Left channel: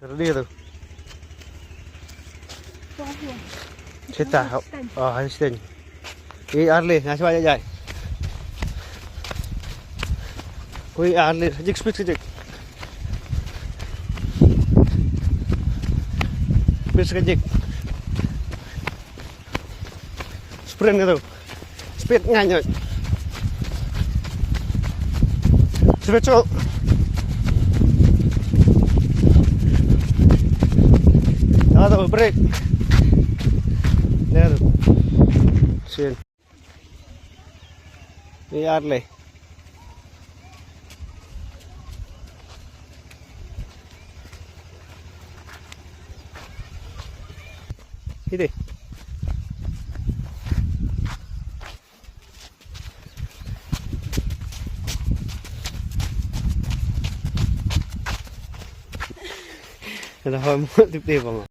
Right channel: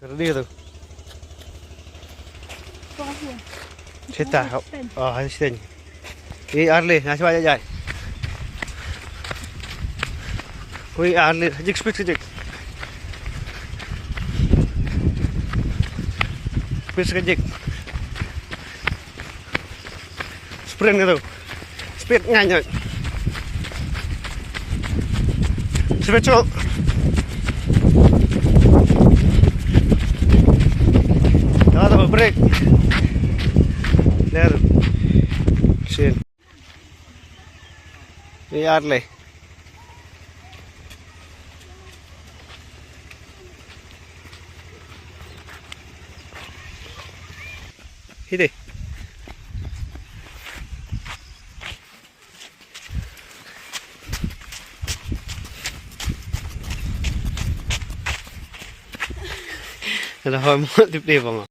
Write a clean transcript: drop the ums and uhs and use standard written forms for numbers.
Ready tu. Kita oh harus ten. Arle nasi banyak jai. Koi arle jik speed jik. Speed jik. Sprint tu. Speed nganyak. Speed cok. Ada break. There. Shit. Arle. Hide. Ada hal mau tiếp đi vào mà.